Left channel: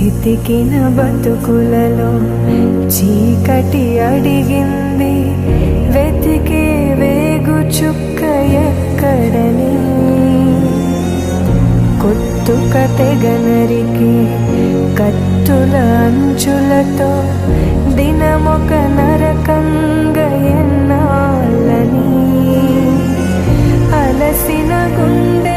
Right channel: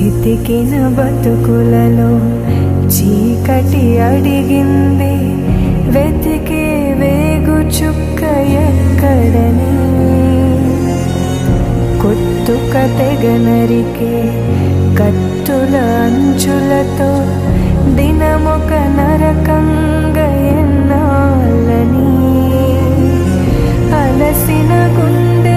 చితికిన బతుకులలో చీకటి అడిగింది. వెతికే వేగు చుక్క ఎక్కడని. కొత్తుక తెగనరికే కత్తుల అంచులతో దినమొక నరకంగా ఎన్నాళ్ళని. అలసిన గుండె